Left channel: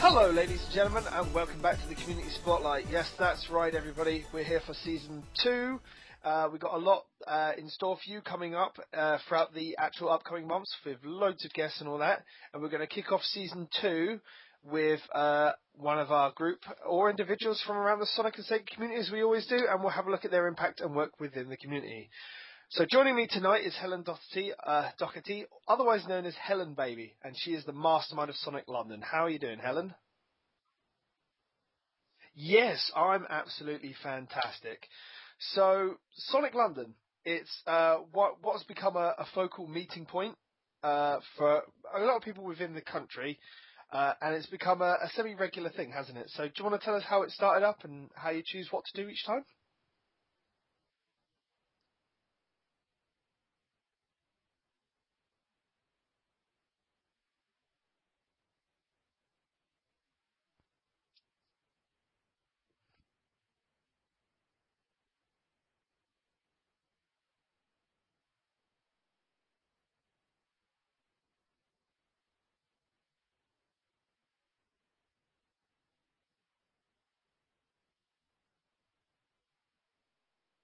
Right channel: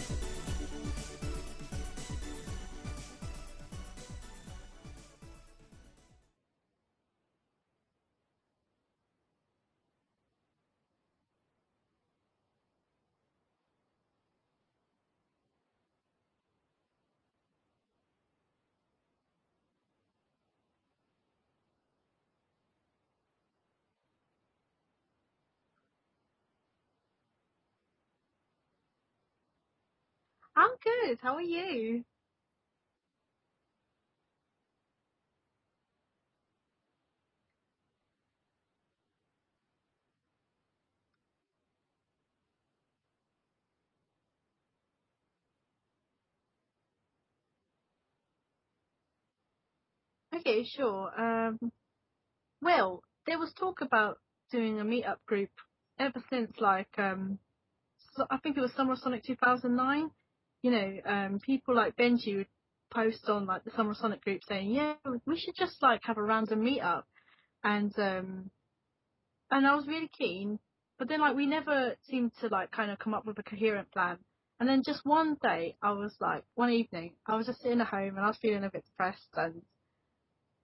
Hello ladies and gentlemen, and welcome back to the Community Spotlight. Yes, that's right everybody, we're here for Season 2. We've got a lot in store for you coming up throughout the actual upcoming months with loads of guests and all that. And we're going to kick off Season 2 with one of our group or individuals from around the Sonic and Sega community, as we always do, and we'll have a look at their impact and work within the community. So joining me tonight is Helen Docherty, otherwise known as Helen Baby, and she is the mastermind of Sonic London. How are you doing, Helen? I'm good. How are you? Yes, I'm absolutely fantastic. So Sonic London, it's what's become a focal meeting point for a lot of people within the country, and it's become a semi-regular thing, hasn't it? So do you want to tell us how it started up and how you choose what to do each time? Okay, sure. Well, there was talk about doing a meetup group ever since, like, so I think it was Summer of Sonic 2009. You know, people like Benji would post on, like, the Summer of Sonic group saying, yeah, we should just, like, have a random meetup. And I was really keen, but then, like, we never seemed to, like, kind of come up with a coherent plan. And then just one day, one evening, I was just sitting at home and I was feeling a bit depressed, and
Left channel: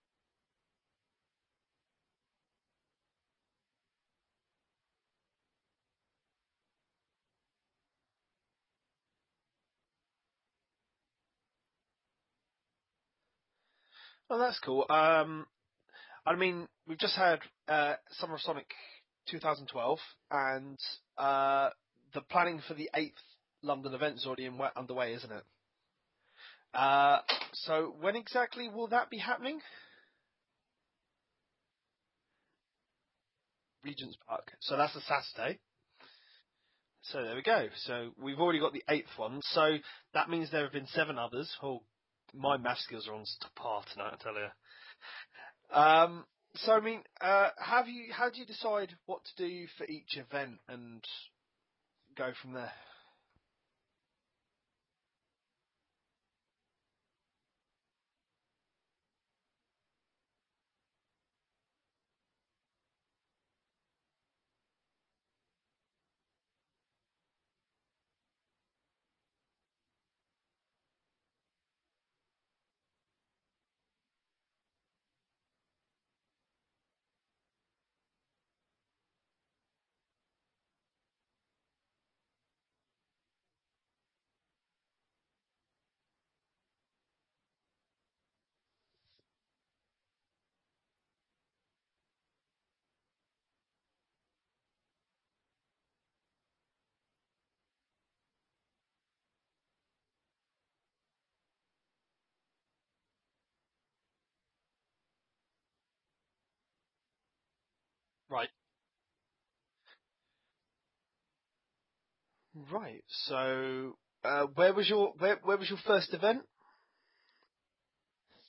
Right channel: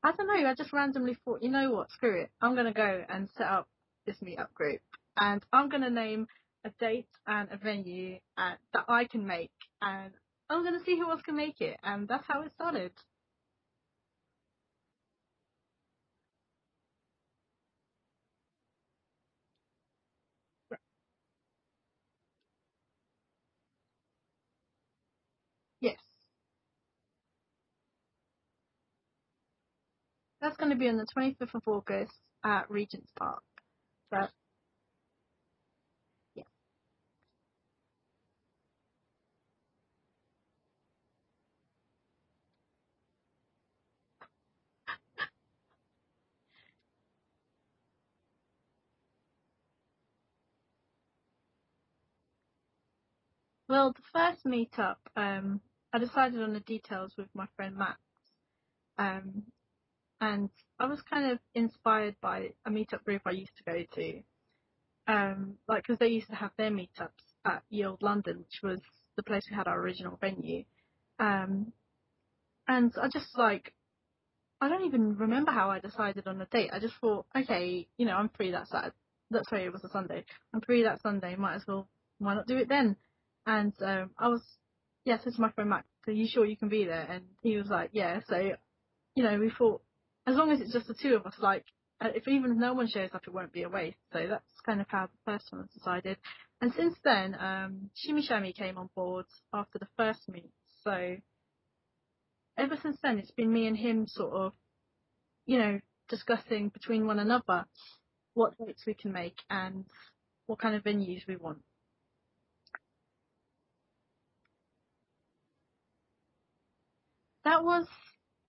I don't know, I just randomly thought, you know what, screw it. I'm going to go and set up this meetup group. And I'm going to name a date and a venue that I can make. And I'm going to see who else can make it. And that's how it started. Oh, that's cool. I mean, we've just had Summer of Sonic 2012, and the planning for the 8th London event is already underway, isn't it? Yes. So when exactly will that be happening? That's going to be on the 25th of August at Regent's Park. Park. So that's a Saturday. Yeah. So there we go. So we've already got the 8th one. So that means there have been 7 others. Oh, my math skills are on par tonight, I tell you. So I mean, how do you decide what to do for each event and go from there? Well, the first meetup, I decided on the details with my friend Matt. And I was kind of inspired by a meetup group I used to go to. Because they used to have their meetups at Yield London, which was the place we had our original venue. And I just, I don't even remember how I decided on a date. I just thought, okay, you know, I'm free that Saturday. Sorry, it was a Sunday. I'm free that Sunday. Why not do it then? And I said to my friend Matt, are you sure you can be there? And he was like, yeah. So, you know, we thought, as long as it's just the two of us, if even no one shows up, it won't be a waste. So that's kind of how the first one was decided. And since then, Shimmy Shammy came on board after the first meet. So ever since then, it's been me and him sort of, you know, discussing between one another what dates we can make and what kind of venues we want. Right. So where was your first event? That was,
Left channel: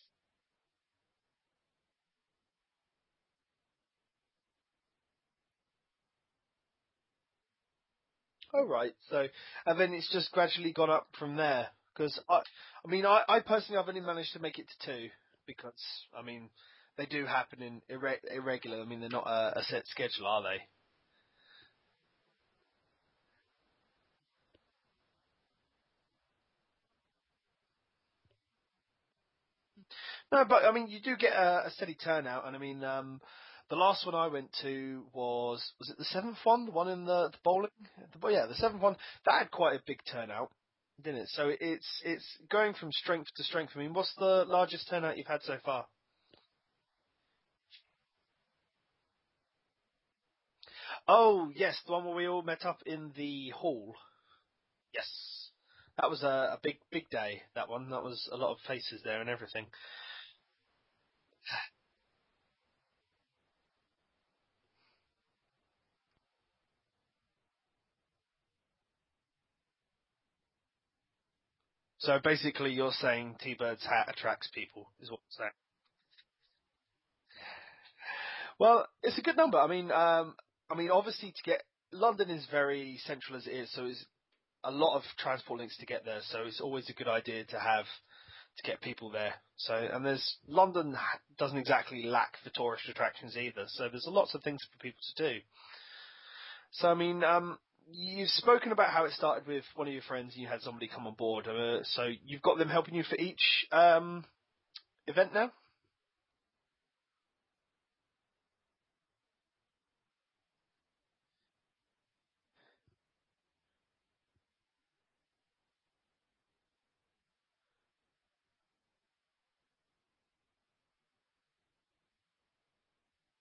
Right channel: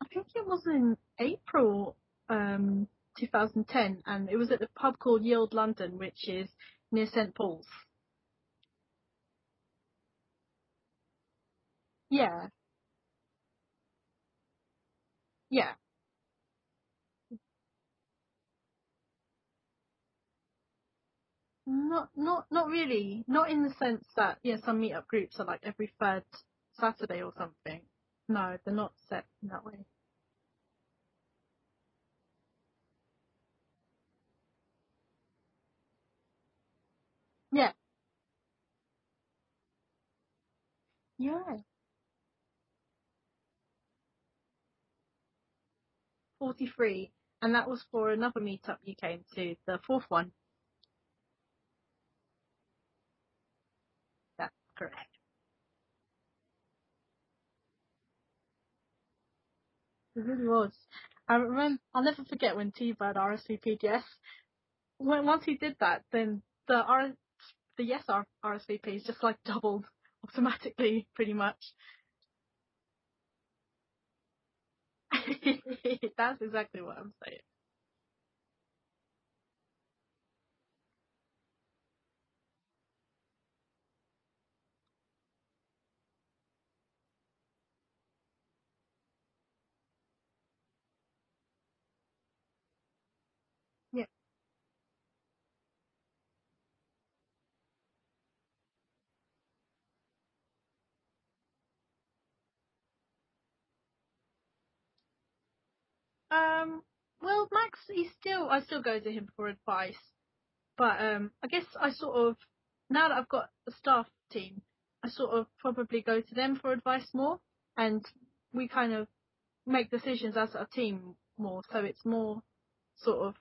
I think it was in April 2010, and it was at the pub called Yield London, which is near St Paul's. Oh, right. So, and then it's just gradually gone up from there. Because, Yeah. I personally have only managed to make it to 2. Because, Yeah. I mean, they do happen in irregular. I mean, they're not a set schedule, are they? Not really. Not in the sense that, some meetup groups are like every third Saturday or something. No, they're not set in that way. No, but, I mean, you do get a steady turnout. And, I mean, the last one I went to was it the 7th one? The one in the bowling? Yeah. The 7th one. That had quite a big turnout, didn't it? Yeah. So it's going from strength to strength. I mean, what's the largest turnout you've had so far? 43. And that was for another meetup you came to, the 4th one. Oh, yes, the one where we all met up in the hall. That's correct. Yes. That was a big day, that one. That was a lot of faces there and everything. It really was. I remember, I'll never forget when T-Bird RSVP'd yes. Once he did that, then the yes RSVPs just doubled automatically, pretty much. So basically you're saying T-Bird's hat attracts people, is what you're saying. That's exactly what I'm saying. Well, it's a good number. I mean, obviously London is very central as it is, so it's a lot of transport links to get there, so it's always a good idea to get people there. So, and London doesn't exactly lack for tourist attractions either, so there's lots of things for people to do. So, I mean, you've spoken about how it started with one of your friends and you had somebody come on board. So you've got them helping you for each event now? Well, Max, I still go to him for advice, but I guess I sort of, now that I've got a staff team, I sort of probably go to them for advice more, and we kind of make decisions as a team more, so it's more sort of,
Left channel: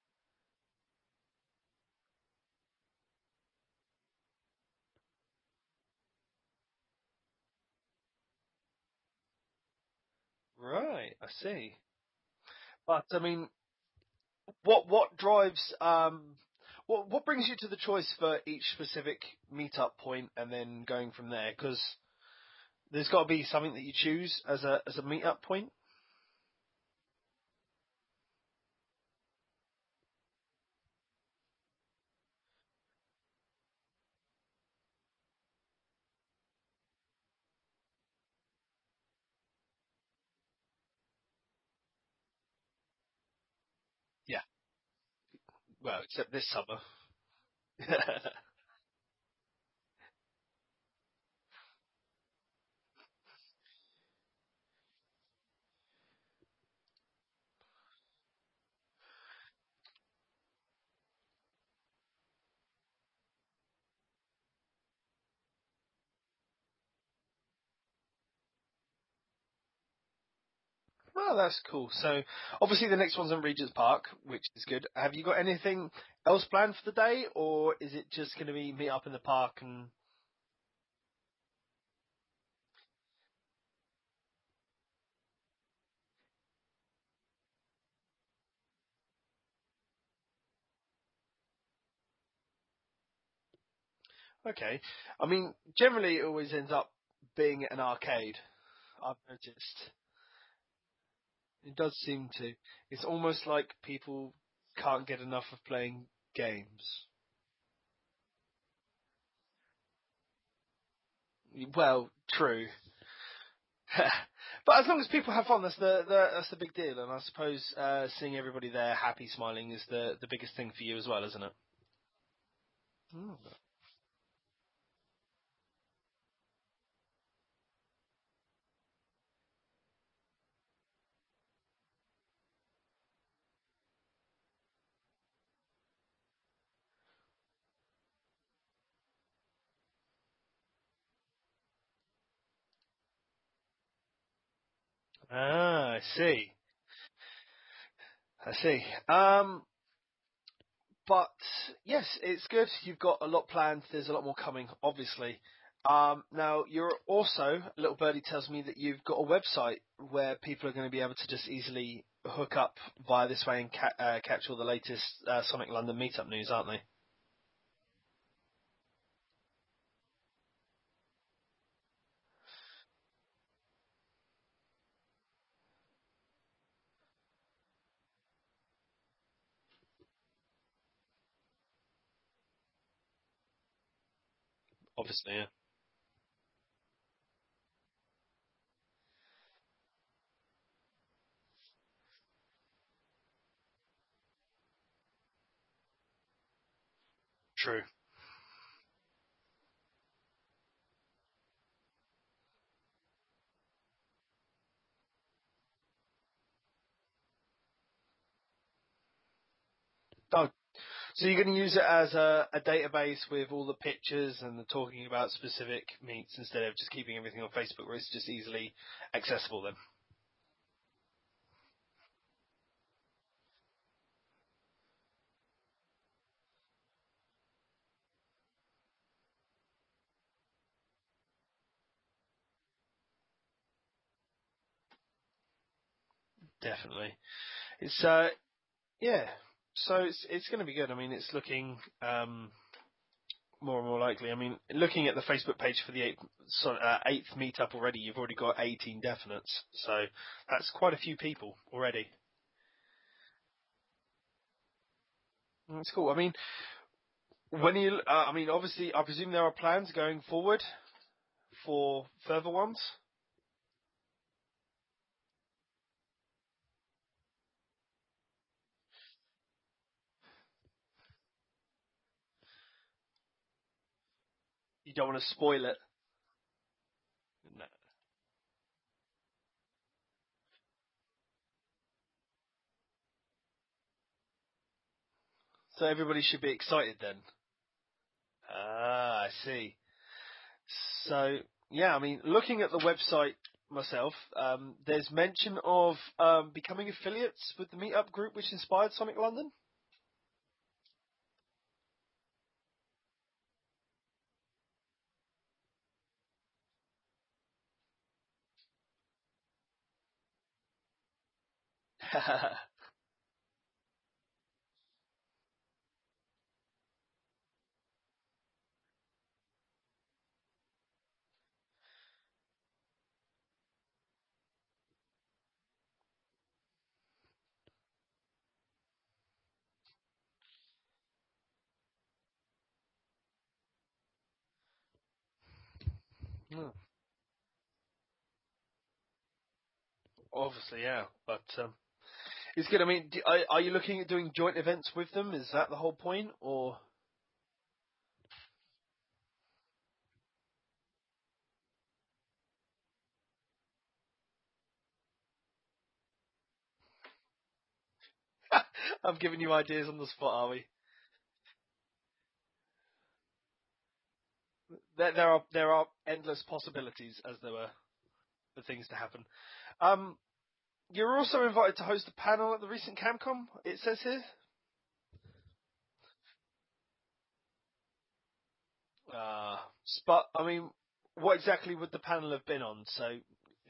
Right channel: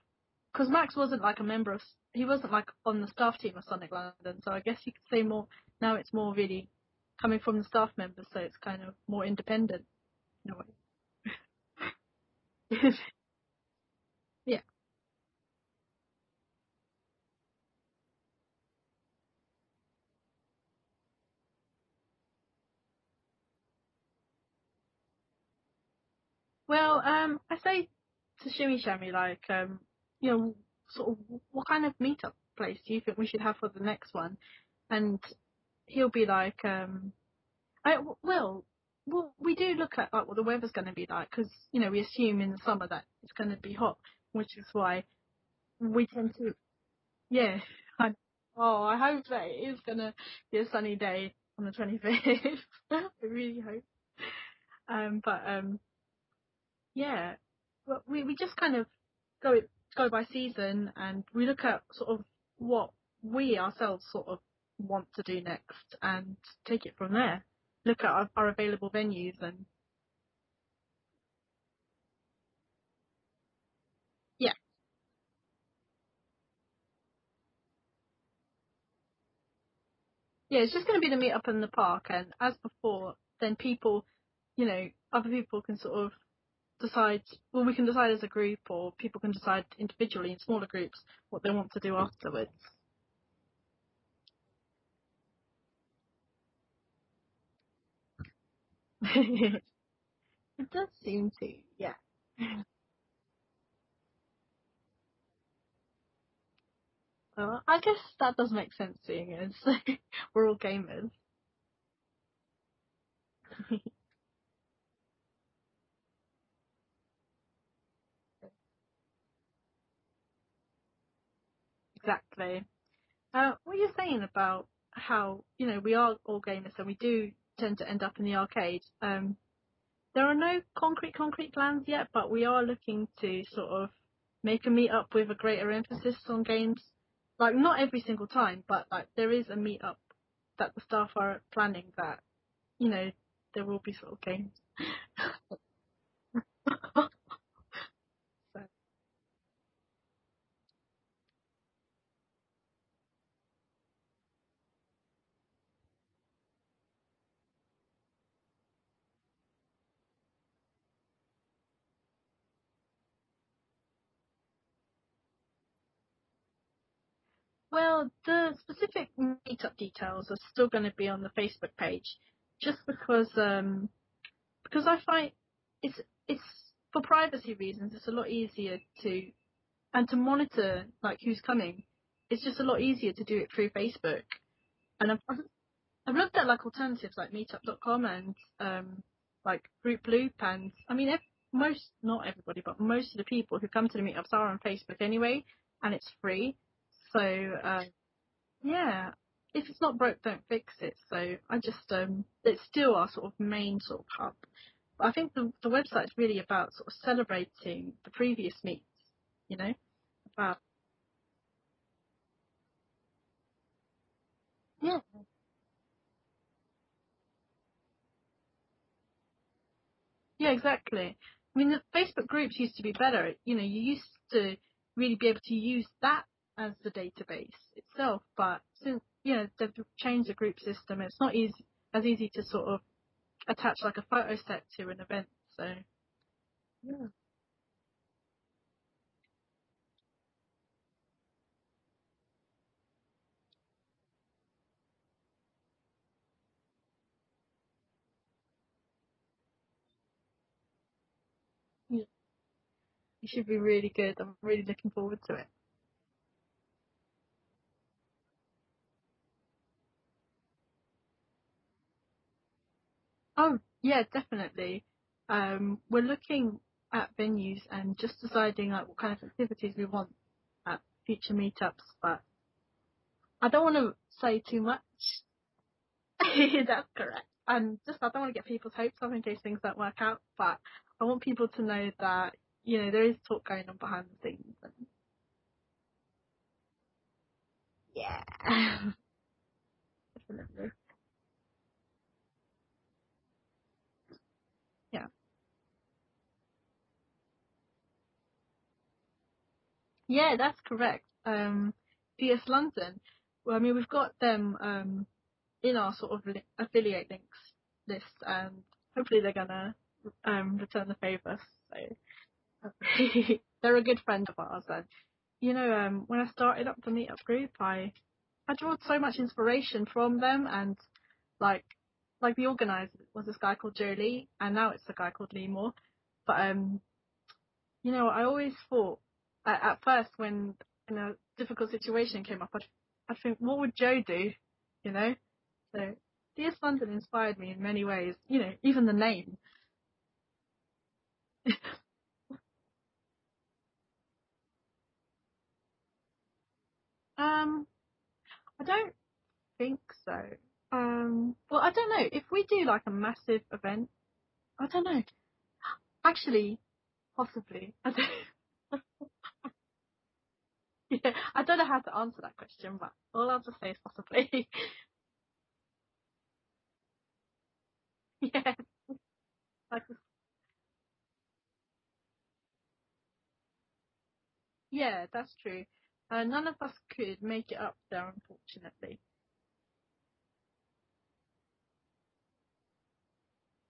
because Max wasn't like a member of, he wasn't like on the staff team of Sonic London, so I guess you could say more, now it's more really coming from the staff members, so it's kind of more independent. Right, I see. But I mean, yeah. what drives what brings you to the choice for each specific meetup point and then going from there? Because there's got to be something that you choose as a meetup point. Well, I say to Shimmy Shammy, like, sort of, what kind of meetup place do you think we should have for the next one? And he'll be like, well, we do look at like what the weather's going to be like, because we assume in the summer that it's going to be hot, which is why well, we except tend this to, summer. yeah. I hope that it is going to be a sunny day on the 25th. I really hope. Yeah, well, we just kind of go by season, and we look at sort of what we ourselves sort of want to do next and take it from there. Look at our available venues and. Well, that's cool. So, obviously, the next one's in Regent's Park, which is good. Have you got anything else planned for the day, or is it just going to be meet up in the park and? Yeah, it's just going to be the meet up in the park, and as before, then people, other people can sort of decide. Well, we can decide as a group, or people can decide individually in smaller groups what they want to do afterwards. Okay, I mean, generally it always ends up being an arcade. I've noticed. It does seem to. It does seem to. It's almost like people can't get enough of playing games. I guess that does make sense, seeing as we're all gamers. Well, true. But as long as people have fun, that's the big deal. And I suppose seeing everybody there happy, smiling is the biggest thing for you as well, isn't it? Exactly. What you're saying about how we are all gamers and we do tend to end up in the arcade. There are no concrete plans yet, but we are looking to sort of make a meetup with a greater emphasis on games. Like, not every single time, but like there is a meetup that the staff are planning that, there will be sort of games. I see. I see. But yes, it's good. You've got a lot planned. There's a lot more coming, obviously. Now, you're also, Little Birdie tells me that you've got a website where people are going to be able to just easily hook up via this way and catch all the latest Sonic London meetup news, aren't they? Well, the specific meetup details are still going to be on the Facebook page, just because I find it's for privacy reasons. It's a lot easier to monitor like who's coming. It's just a lot easier to do it through Facebook. Obviously, and I've looked at like alternatives like meetup.com and like Group Loop, and I mean not everybody, but most of the people who come to the meetups are on Facebook anyway, and it's free. So yeah, if it's not broke, don't fix it. So I just it's still our sort of main sort of hub. But I think the website's really about sort of celebrating the previous meets, So you're going to use it as a database with all the pictures and the talking about specific meets instead of just keeping everything on Facebook where it's just easily accessible then? Yeah, exactly. I mean, the Facebook groups used to be better. You used to really be able to use that as the database itself, but since, they've changed the group system, it's not as easy to sort of attach like a photo set to an event, so. Definitely. It's, yeah. So it's going to be good. I mean, it's looking more and more likely. I mean, looking at the Facebook page for the eighth meetup already, you've already got 18 definites. So that's quite a few people already. It should be really good. I'm really looking forward to it. That's cool. I mean, obviously, I presume there are plans going forward for further ones. Oh yeah, definitely. We're looking at venues and just deciding like what kind of activities we want at future meetups, but I don't want to say too much. You don't want to spoil it. That's correct. Yeah. And just I don't want to get people's hopes up in case things don't work out, but I want people to know that, you know, there is talk going on behind the scenes. And So everybody should be excited then. yeah. I see. Definitely. So, yeah, I mean, looking at the website myself, there's Yeah. mention of becoming affiliates with the Meetup group which inspired Sonic London. Yeah, that's correct. DS London. Well, I mean, we've got them in our sort of affiliate links list, and hopefully they're gonna return the favour. So they're a good friend of ours, and you know, when I started up the Meetup group, I drew so much inspiration from them, and like the organizer was this guy called Joe Lee, and now it's a guy called Lee Moore. But you know, I always thought at first when a difficult situation came up, I'd think, what would Joe do? You know, so DS London inspired me in many ways. You know, even the name. Obviously, yeah, but it's good. I mean, are you looking at doing joint events with them? Is that the whole point, or? I don't think so. Well, I don't know. If we do like a massive event, I don't know. Actually, possibly. I don't. I'm giving you ideas on the spot, are we? Yeah, I don't know how to answer that question, but all I'll just say is possibly. There are endless possibilities, as there were, Yeah. for things to happen. Okay. You're also invited to host a panel at the recent Camcom, it says here. Yeah, that's true. None of us could make it up there, unfortunately. But I mean, what exactly would the panel have been on? So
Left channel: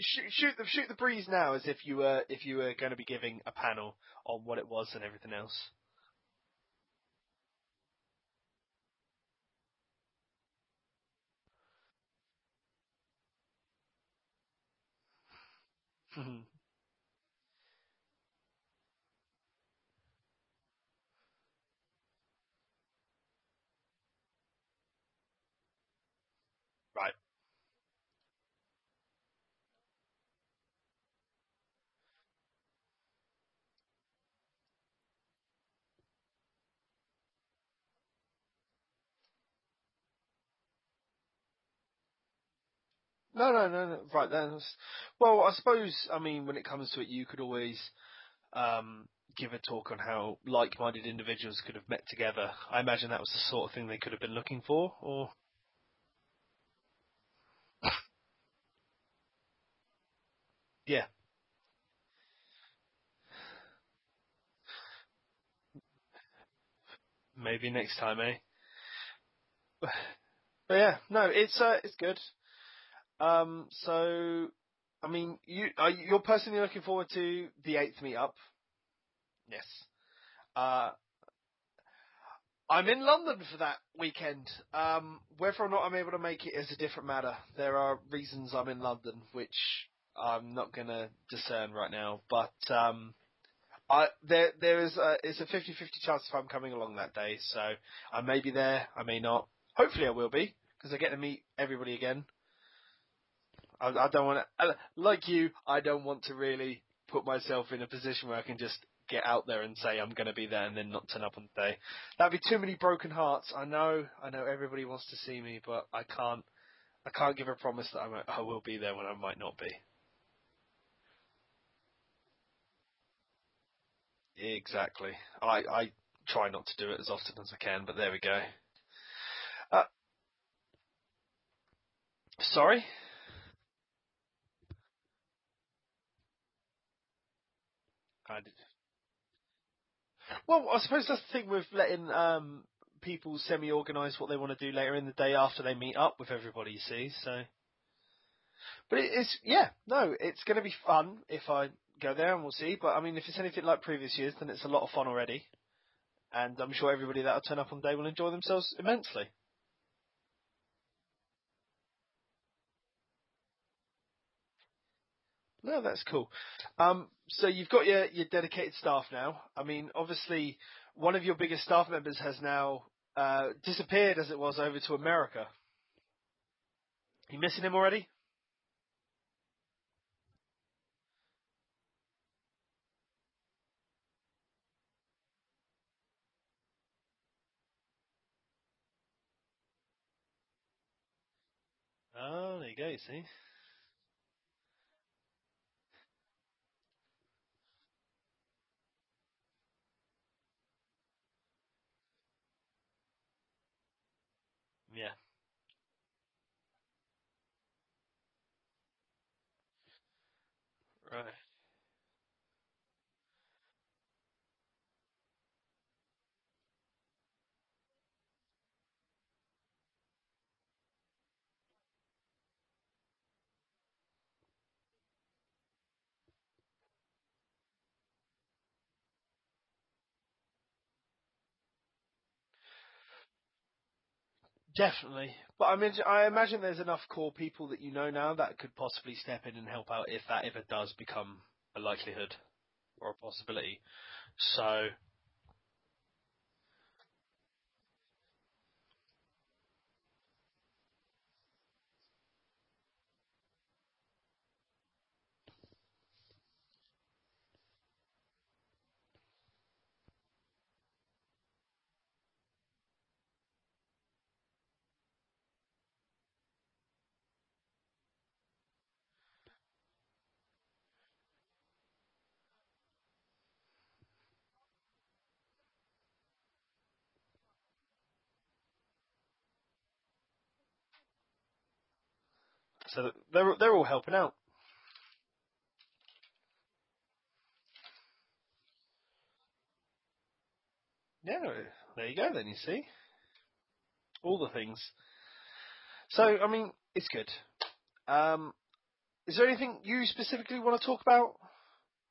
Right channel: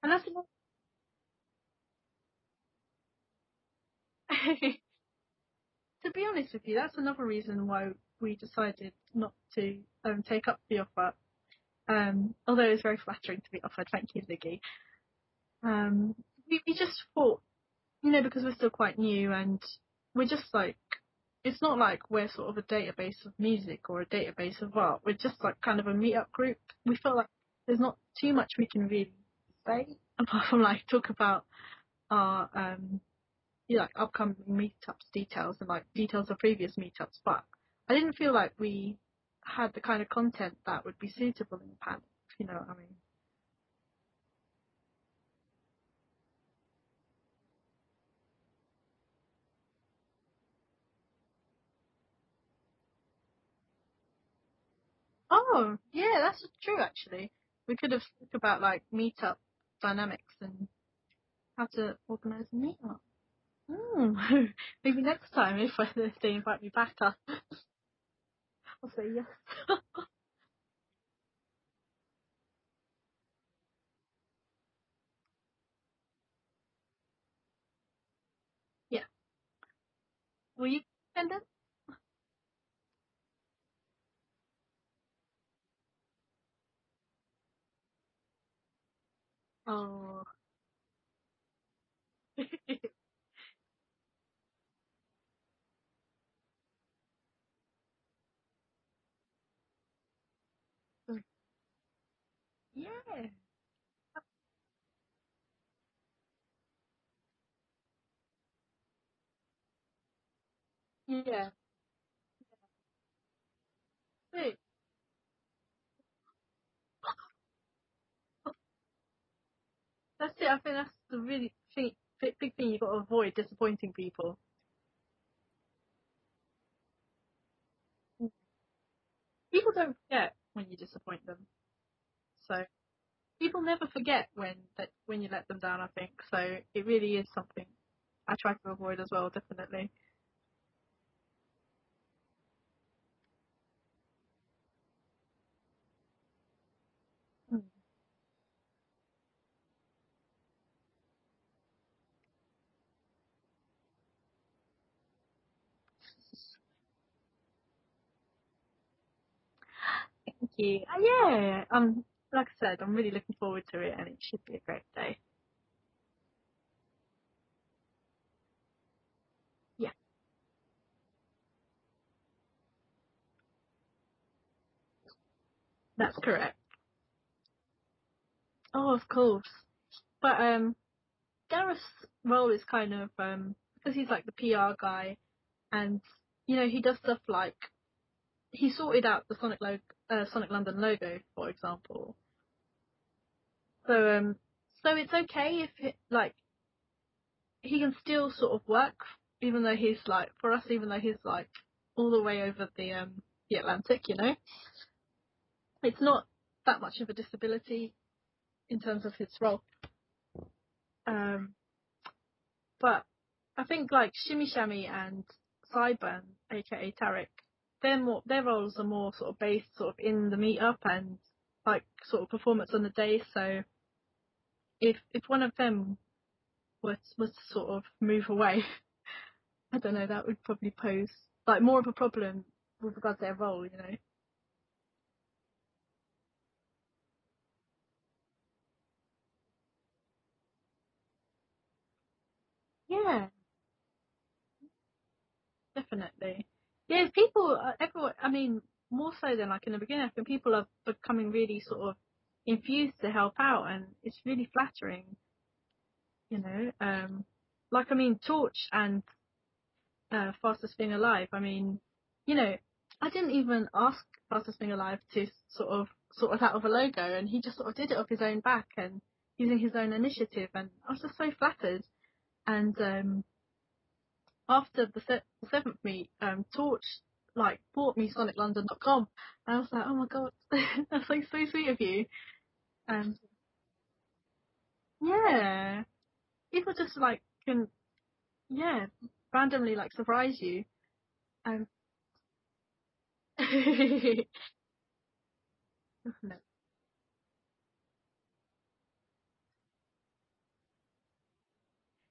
shoot the breeze now, as if you were going to be giving a panel on what it was and everything else. To be honest with you, that's another reason why we decided not to take up the offer. Although it's very flattering to be offered, thank you, Ziggy. We just thought, you know, because we're still quite new and we're just like, it's not like we're sort of a database of music or a database of art. We're just like kind of a meetup group. We felt like there's not too much we can really say apart from like talk about our you know, like upcoming meetups details and like details of previous meetups. But I didn't feel like we had the kind of content that would be suitable in the panel, if you know what I mean. No. Right then. Well, I suppose, I mean, when it comes to it, you could always give a talk on how like-minded individuals could have met together. I imagine that was the sort of thing they could have been looking for, or? Oh, yeah, that's true actually. We could have talked about like meetup dynamics and how to organise a meetup. Maybe next time if they invite me back. Maybe next time, eh? I'll say yes. But yeah, no, it's good. So, I mean, you're personally looking forward to the 8th meetup? Yeah. Yes. Will you attend it? I'm in London for that weekend. Whether or not I'm able to make it is a different matter. There are reasons I'm in London, which I'm not going to discern right now. But there is it's a 50-50 chance if I'm coming along that day. So I may be there, I may not. Hopefully I will be, because I get to meet everybody again. Yeah. I don't want to, like you, I don't want to really put myself in a position where I can just get out there and say I'm going to be there and then not turn up on the day. That'd be too many broken hearts. I know everybody wants to see me, but I can't give a promise that I will be there when I might not be. That's it. I think that's the really big thing you've got to avoid, disappointing people. Exactly. I try not to do it as often as I can, but there we go. People don't forget when you disappoint them. So sorry? People never forget when you let them down, I think. So it really is something I try to avoid as well, definitely. Well, I suppose that's the thing with letting people semi-organise what they want to do later in the day after they meet up with everybody, you see. So, but it's going to be fun if I go there, and we'll see. But I mean, if it's anything like previous years, then it's a lot of fun already, and I'm sure everybody that'll turn up on the day will enjoy themselves immensely. Thank you. Yeah, like I said, I'm really looking forward to it, and it should be a great day. No, that's cool. So you've got your dedicated staff now. I mean, obviously, one of your biggest staff members has now disappeared, as it was, over to America. That's correct. You missing him already? Oh, of course. But Gareth's role is kind of because he's like the PR guy, and you know he does stuff like he sorted out the Sonic Sonic London logo, for example. Oh, there you go. You see. So it's okay if he can still sort of work, even though he's all the way over the Atlantic, you know. Yeah. It's not that much of a disability in terms of his role. But I think like Shimmy Shammy and Sideburn, aka Tarek, their roles are more sort of based sort of in the meetup and like sort of performance on the day. So if one of them was to sort of move away, I don't know, that would probably pose like more of a problem with regards to their role, you know. Definitely. But I imagine there's enough core people that you know now that could possibly step in and help out if that ever does become a likelihood or a Yeah, possibility. So, definitely. Yeah, people, everyone, I mean, more so than like in the beginning, I think people are becoming really sort of infused to help out, and it's really flattering, you know. I mean, Torch and Fastest Thing Alive, I mean, you know, I didn't even ask Fastest Thing Alive to sort us out of a logo, and he just sort of did it off his own back and using his own initiative, and I was just so flattered. And after the seventh meet, Torch bought me SonicLondon.com, and I was like, oh my god, that's like so sweet of you. so And they're all helping out. yeah, people just like can randomly like surprise you. Yeah, And there you go. Then you see all the things. So, I mean, it's good. Is there anything you specifically want to talk about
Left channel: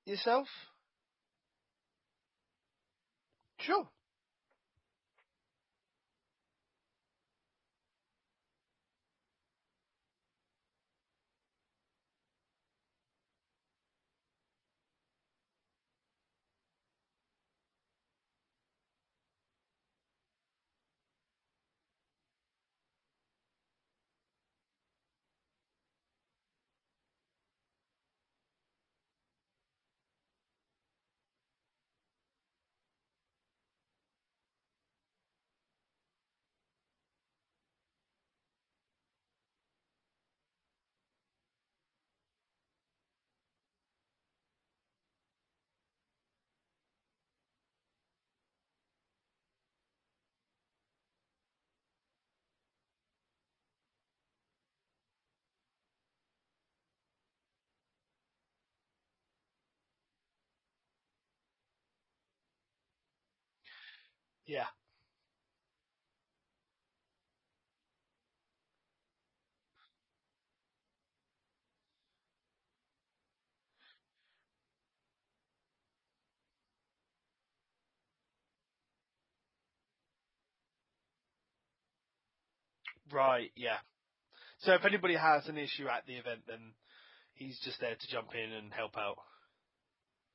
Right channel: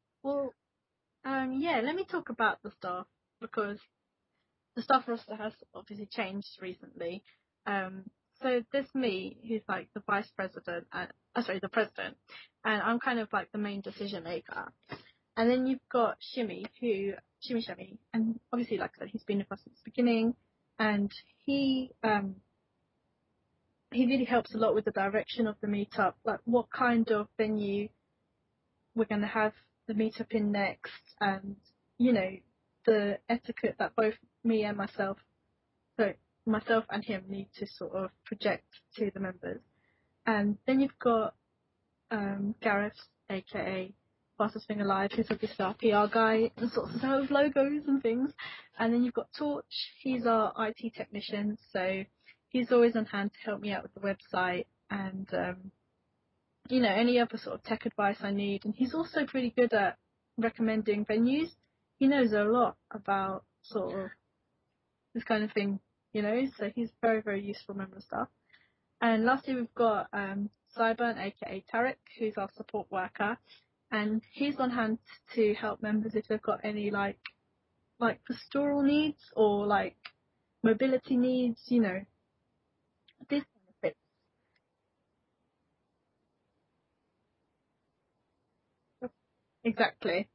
yourself? well, yeah, let me talk about the staff because Sure. the staff roster has obviously changed recently. So there's me, who's like the vice president, and the president, and I'm kind of like the main decision maker. And then you've got Shimmy, Shimmy Shimmy, and obviously, like I said, he's been with us since the beginning, and he really helps a lot with the direction of the meetup, like what kind of venue we're going to have the meetup in next, and you know the etiquette that both me and myself and him need to sort of project to the members. And then you've got Gareth, aka Fastest Thing Alive, who's obviously our PR guy and sorts us out with logos and things. And then you've got Torch, he's our IT technician, so he's always on hand to help me out with the website and you know, any other sort of tech advice I need. And he's also pretty good at recommending venues. He knows a lot about sort of this kind of thing, you know, so he's very, very useful member of staff. And lastly, we've got Cyburn, aka Tarek, who's our support worker, and he's on hand to help members if they've got any like pastoral needs or like mobility needs, you know. Right, yeah. So if anybody has an issue at the event, then he's just there to jump in and help out. Exactly.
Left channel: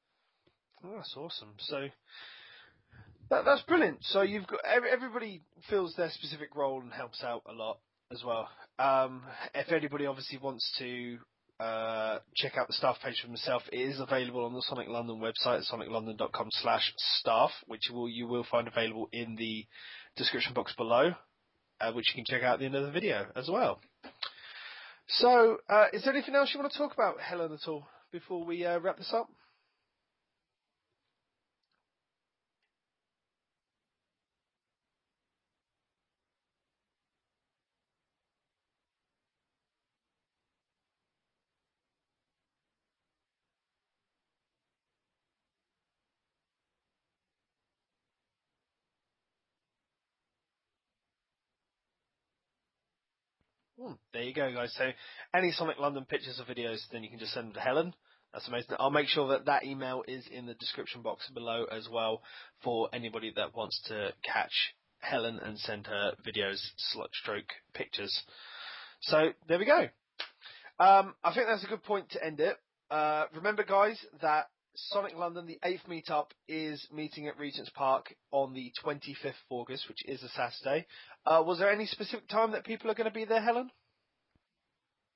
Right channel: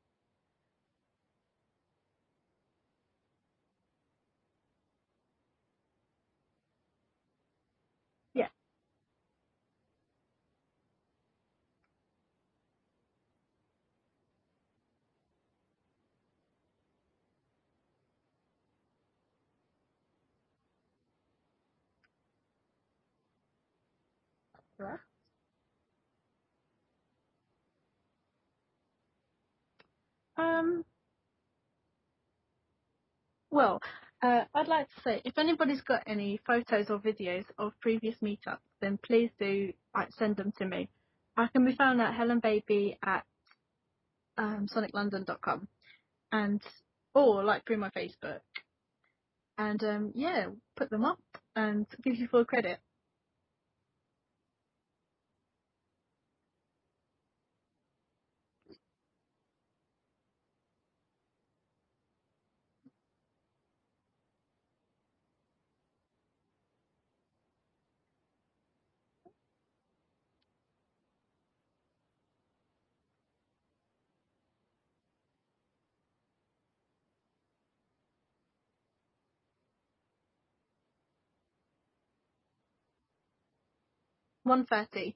Oh, that's awesome. So that's brilliant. So you've got everybody fills their specific role and helps out a lot as well. Yeah. If anybody obviously wants to check out the staff page for himself, it is available on the Sonic London website, soniclondon.com/staff, which you will find available in the description box below, which you can check out at the end of the video as well. Right. So, is there anything else you want to talk about, Helen, at all, before we wrap this up? Well, I'd like to say, if anybody's got any photos or videos of previous meetups, then please do send them to me. I can be found at helenbaby at soniclondon.com or through my Facebook. And put them up and give you full credit. There you go, guys. So any Sonic London pictures or videos, then you can just send them to Helen. That's amazing. I'll make sure that email is in the description box below as well for anybody that wants to catch Helen and send her videos, stroke pictures. So there we go. I think that's a good point to end it. Remember, guys, that Sonic London, the 8th meetup, is meeting at Regent's Park on the 25th of August, which is a Saturday. Was there any specific time that people are going to be there, Helen? 1:30.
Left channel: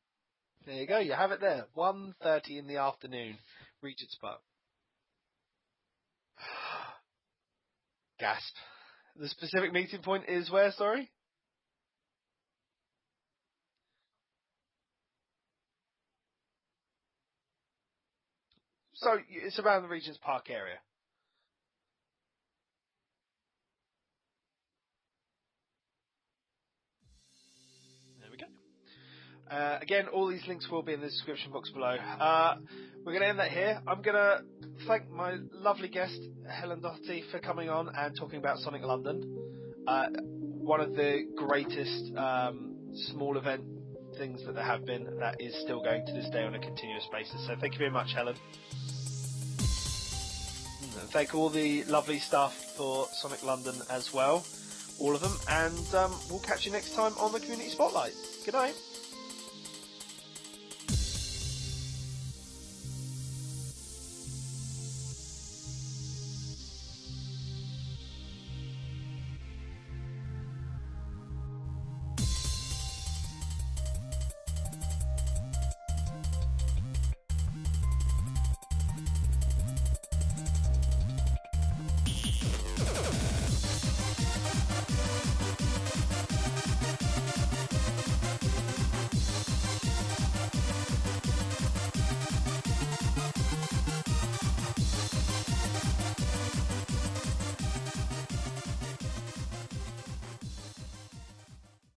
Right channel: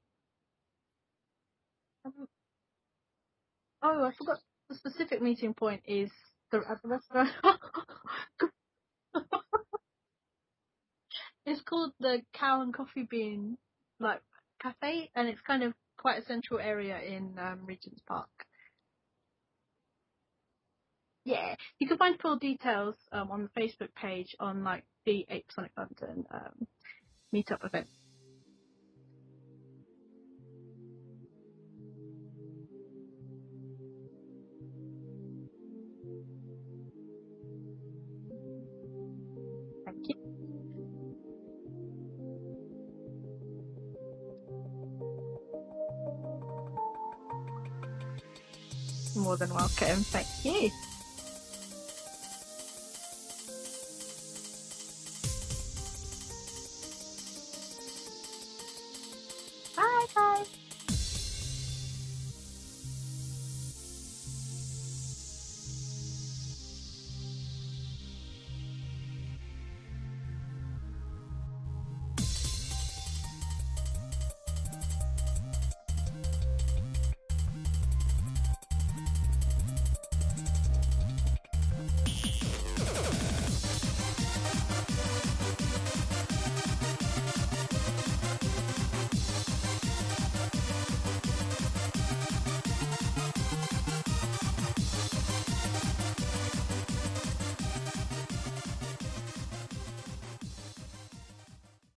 There you go. You have it there. 1:30 in the afternoon. Oh, I forgot. The specific meeting point is at the restaurant. Gasp. The specific meeting point is where, sorry? It's called the Cow and Coffee Bean, cafe, and it's kind of quite a central area in Regent's Park. So it's around the Regent's Park area? Yeah. You can find full details on the Facebook page on, the 8th Sonic London meetup event. There we go. Again, all these links will be in the description box below. We're going to end that here. I'm going to thank my lovely guest, Helen Docherty, for coming on and talking about Sonic London. One of the greatest small event things that there have been that is still going to this day on a continuous basis. So thank you very much, Helen. More than welcome. Thank you. And thank all the lovely staff for Sonic London as well. All of them. And we'll catch you next time on the Community Spotlight. Good night. Bye, guys.